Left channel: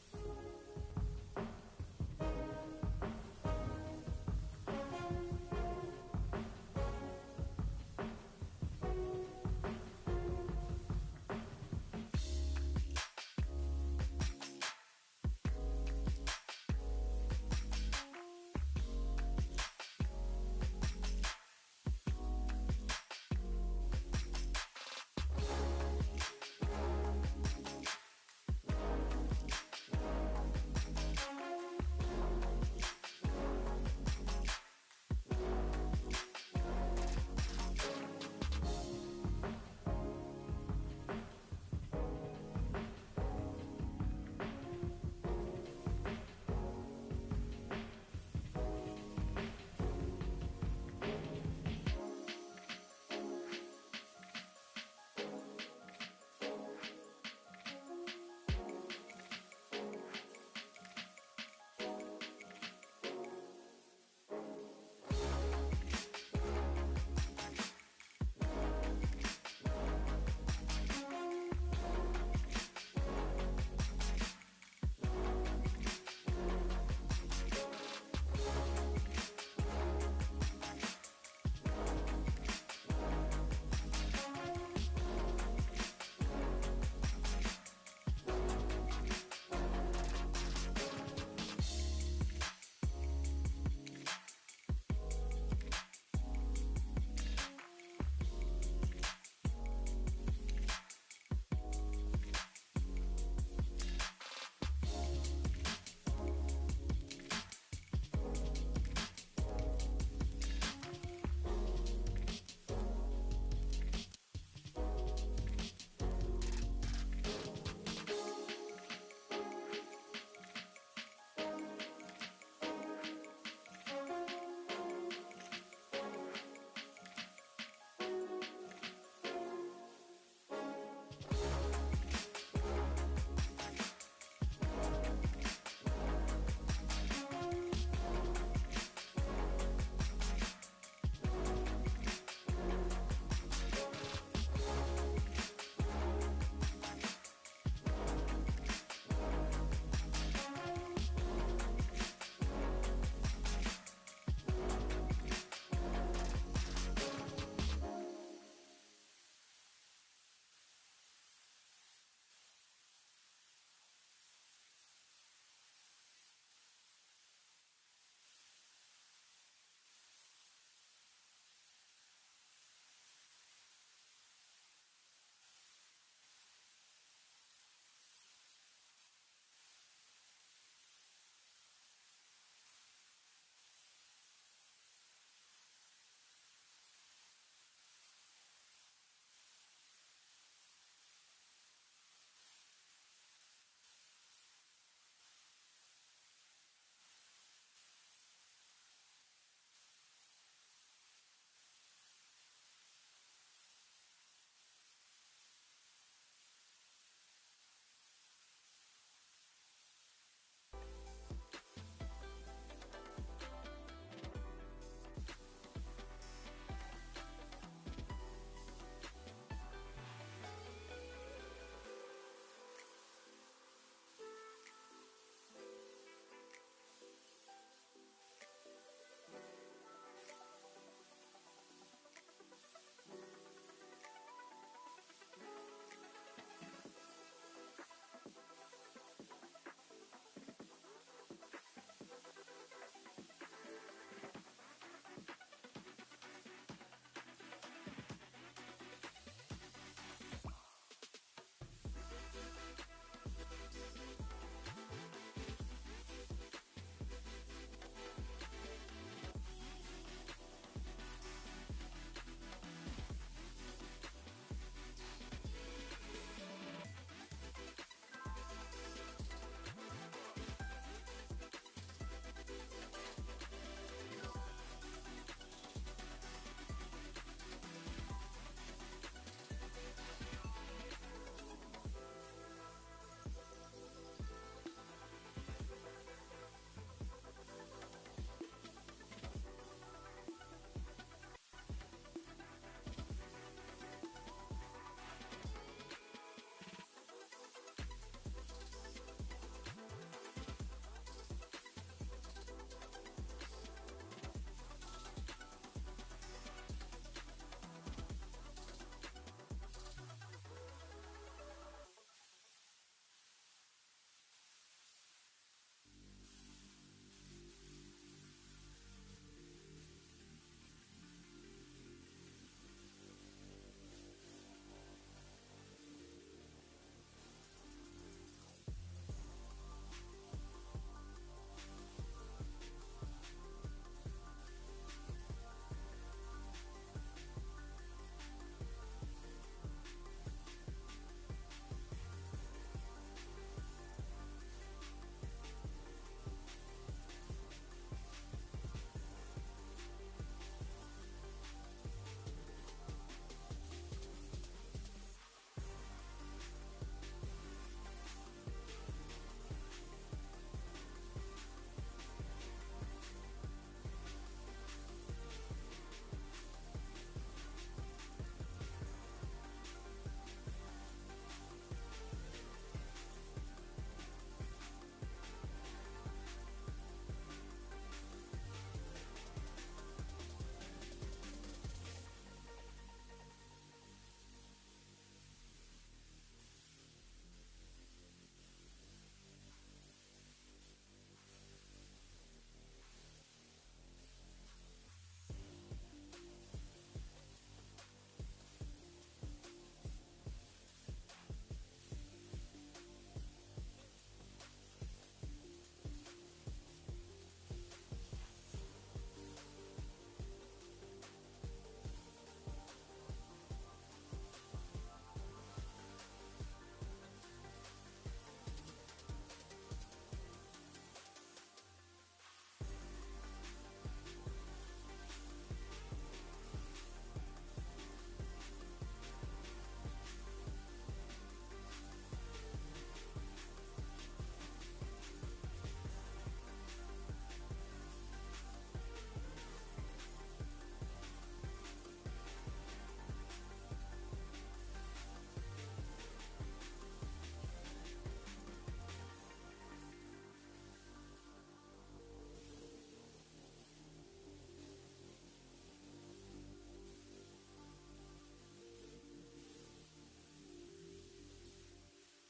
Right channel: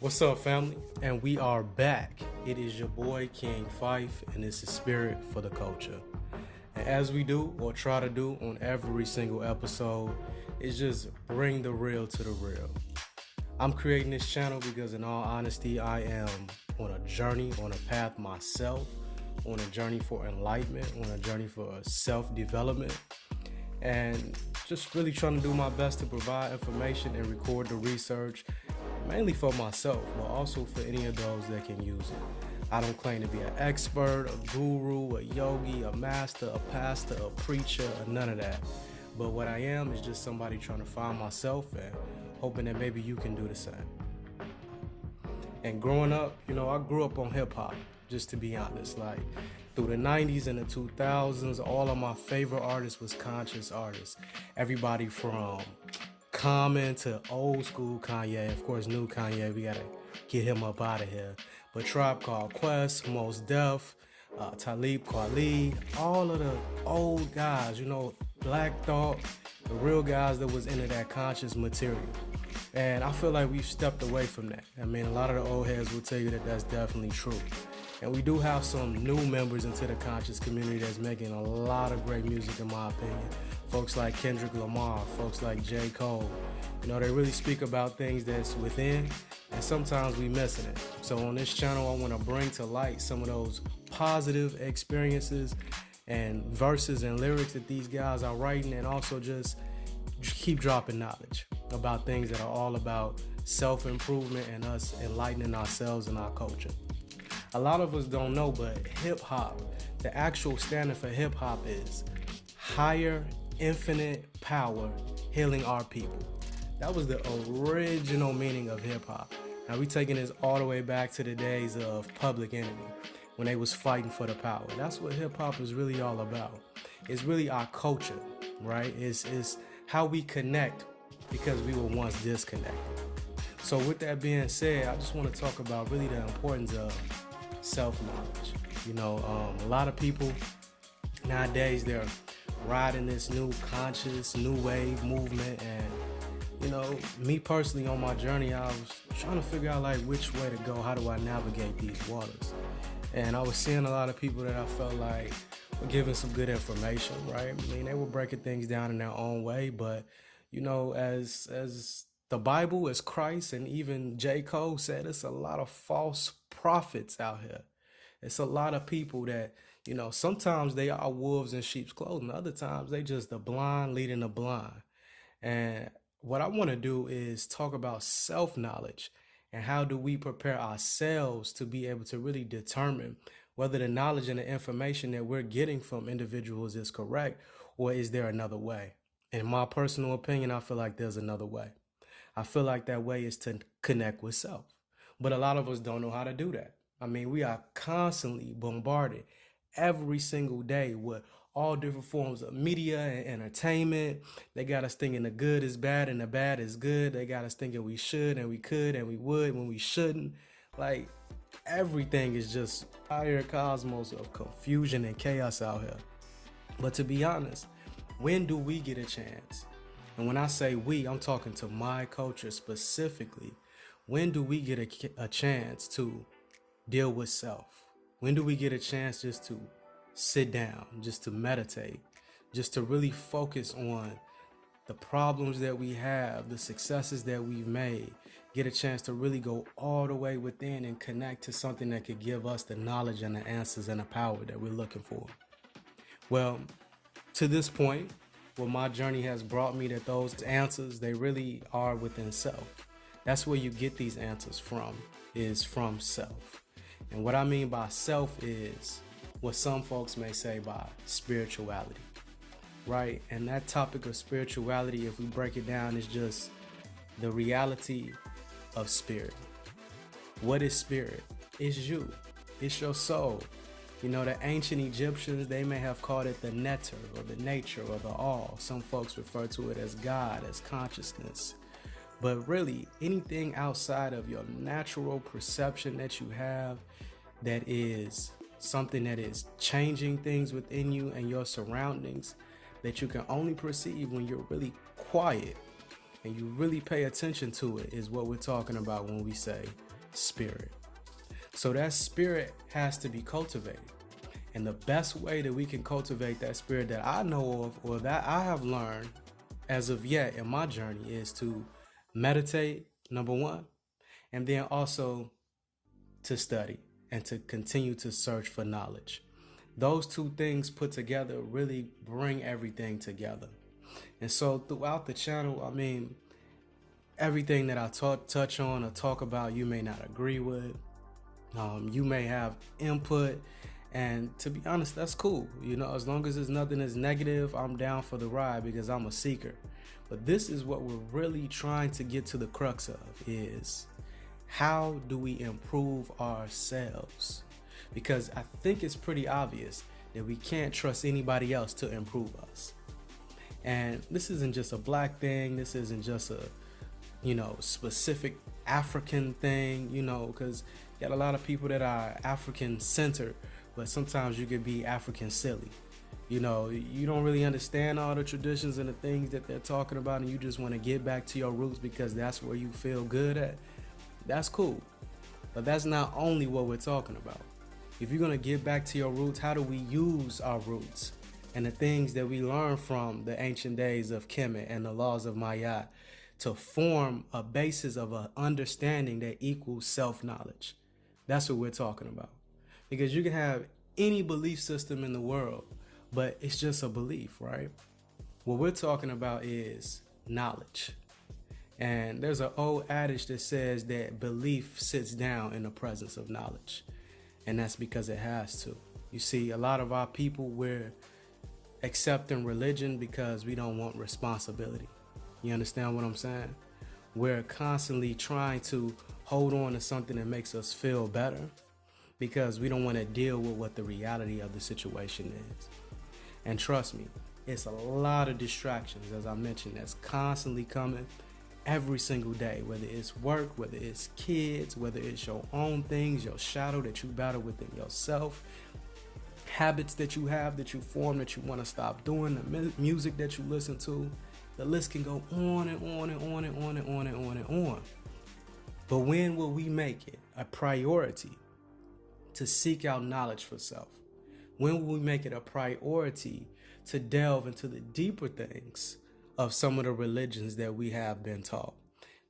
What's up, family? And we are back. It is your boy King Fife, and this is Spirit for the Culture. And as we do, or try to do on every single episode, is just bring the real to the real. I'm creating this channel because, in all honesty, I am on a journey, on a path myself, on a journey for enlightenment, on a journey for self development, and just really trying to do my best to provide information and record the research mainly for myself, but also for any of those that can use it. I don't claim to be an expert, a guru, a yogi, a master, a pastor, a preacher, or none of that. But what I am is just somebody trying to find myself and hoping that maybe you can do the same. And growing up, I grew up on hip hop, just to be honest. Like through the 90s and the 2000s, all of my favorite artists was conscious artists. Everybody from Common to old school Kanye, of course, new Kanye, we gotta get him up out of here. But Tribe Called Quest, Mos Def, Talib Kweli, all of the old guys, Black Thought, the real guys that was into that conscious material. And I feel like we've stepped away from that. I mean, a lot of the old heads will tell you that that's definitely true. And we do have some new members into the conscious community that's making a lot of great music, in my opinion. Folks like Kendrick Lamar, folks like J. Cole. They really speak about things that's within, and sometimes we missing it. So on this channel, I want to bring to light some of those positive experiences and verses and lyrics that these guys are writing, and also just keep dropping knowledge about things that are all about self-improvement and us enlightening ourselves and our culture. A lot of us don't know, but hip-hop, the actual standard for hip-hop is higher infinite power healing our people. That was the original meaning of hip-hop. Now we taking this all the way back to the days of Public Enemy, when they was fighting for the power. That's what hip-hop is really all about. It's really our culture, right? It's how we connect because we were once disconnected. So with that being said, I just want to talk about really the importance of self-knowledge. A lot of people nowadays, they're riding this new conscious, new wave movement, and me personally on my journey, I was trying to figure out like which way to go. How do I navigate these waters? And I was seeing a lot of people that I felt like were giving some good information, right? I mean, they were breaking things down in their own way, but as the Bible, as Christ, and even J. Cole said, it's a lot of false prophets out here. It's a lot of people that, sometimes they are wolves in sheep's clothing. Other times they just the blind leading the blind. And what I want to do is talk about self-knowledge and how do we prepare ourselves to be able to really determine whether the knowledge and the information that we're getting from individuals is correct, or is there another way? In my personal opinion, I feel like there's another way. I feel like that way is to connect with self. But a lot of us don't know how to do that. I mean, we are constantly bombarded every single day with all different forms of media and entertainment. They got us thinking the good is bad and the bad is good. They got us thinking we should and we could and we would when we shouldn't. Like, everything is just higher cosmos of confusion and chaos out here. But to be honest, when do we get a chance? And when I say we, I'm talking to my culture specifically. When do we get a chance to deal with self? When do we get a chance just to sit down, just to meditate, just to really focus on the problems that we have, the successes that we've made, get a chance to really go all the way within and connect to something that could give us the knowledge and the answers and the power that we're looking for? Well, to this point, what my journey has brought me, that those answers, they really are within self. That's where you get these answers from, is from self. And what I mean by self is what some folks may say by spirituality, right? And that topic of spirituality, if we break it down, is just the reality of spirit. What is spirit? It's you. It's your soul. The ancient Egyptians, they may have called it the netter or the nature or the all. Some folks refer to it as God, as consciousness. But really, anything outside of your natural perception that you have that is something that is changing things within you and your surroundings that you can only perceive when you're really quiet, and you really pay attention to it, is what we're talking about when we say spirit. So that spirit has to be cultivated. And the best way that we can cultivate that spirit that I know of, or that I have learned as of yet in my journey, is to meditate, number one, and then also to study and to continue to search for knowledge. Those two things put together really bring everything together. And so throughout the channel, I mean, everything that I touch on or talk about, you may not agree with. You may have input, and to be honest, that's cool. You know, as long as there's nothing that's negative, I'm down for the ride because I'm a seeker. But this is what we're really trying to get to the crux of, is how do we improve ourselves? Because I think it's pretty obvious that we can't trust anybody else to improve us. And this isn't just a black thing. This isn't just a, specific African thing, because you got a lot of people that are African centered, but sometimes you could be African silly. You don't really understand all the traditions and the things that they're talking about, and you just want to get back to your roots because that's where you feel good at. That's cool. But that's not only what we're talking about. If you're going to get back to your roots, how do we use our roots and the things that we learned from the ancient days of Kemet and the laws of Maya to form a basis of an understanding that equals self-knowledge? That's what we're talking about. Because you can have any belief system in the world, but it's just a belief, right? What we're talking about is knowledge. And there's an old adage that says that belief sits down in the presence of knowledge. And that's because it has to. You see, a lot of our people, we're accepting religion because we don't want responsibility. You understand what I'm saying? We're constantly trying to hold on to something that makes us feel better because we don't want to deal with what the reality of the situation is. And trust me, it's a lot of distractions, as I mentioned, that's constantly coming every single day, whether it's work, whether it's kids, whether it's your own things, your shadow that you battle within yourself, habits that you have that you form that you want to stop doing, the music that you listen to. The list can go on and on and on and on and on and on and on. But when will we make it a priority to seek out knowledge for self? When will we make it a priority to delve into the deeper things of some of the religions that we have been taught,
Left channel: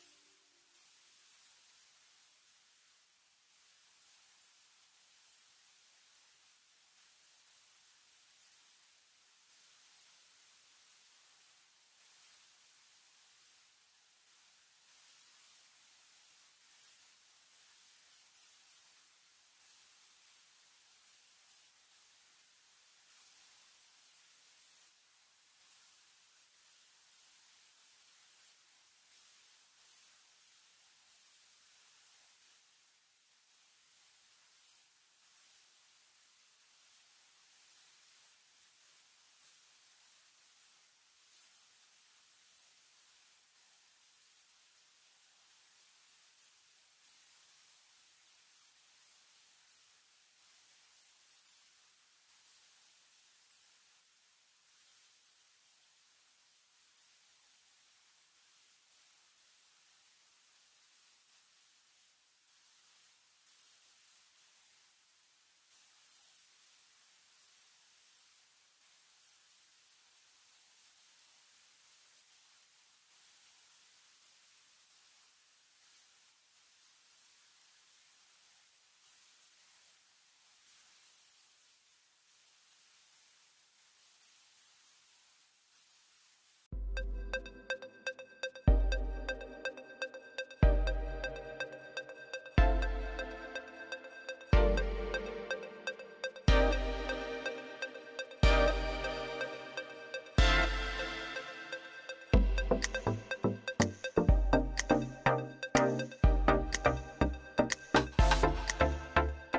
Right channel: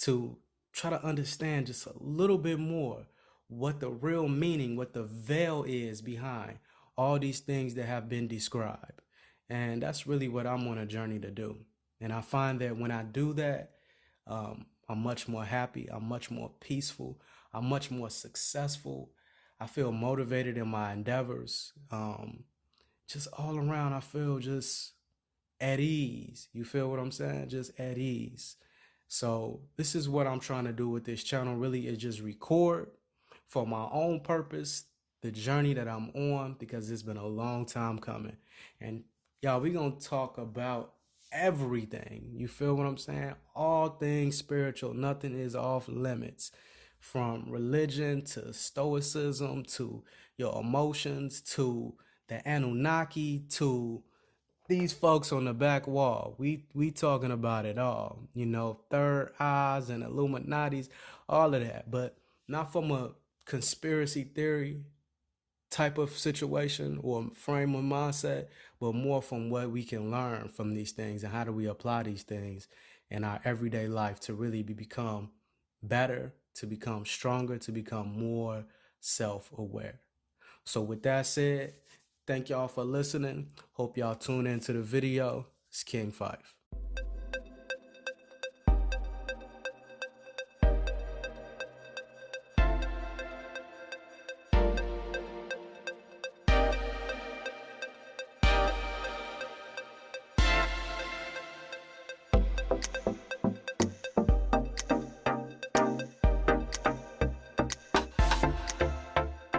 to try to understand just a little bit more what the real meaning, what the veil is behind all these things that have been described? And that's really what I'm on a journey to do. And I find that when I do that, I'm much more happy, I'm much more peaceful, I'm much more successful. I feel motivated in my endeavors. Just all around, I feel just at ease. You feel what I'm saying? Just at ease. So this is what I'm trying to do with this channel, really, is just record for my own purpose, the journey that I'm on, because it's been a long time coming. And y'all, we gonna talk about everything. You feel what I'm saying? All things spiritual. Nothing is off limits. From religion to stoicism to your emotions to the Anunnaki to these folks on the back wall. We talking about it all. Third eyes and Illuminatis, all of that. But not from a conspiracy theory type of situation or frame of mindset, but more from what we can learn from these things and how do we apply these things in our everyday life to really become better, to become stronger, to become more self-aware. So with that said, thank y'all for listening. Hope y'all tune into the video. It's King 5.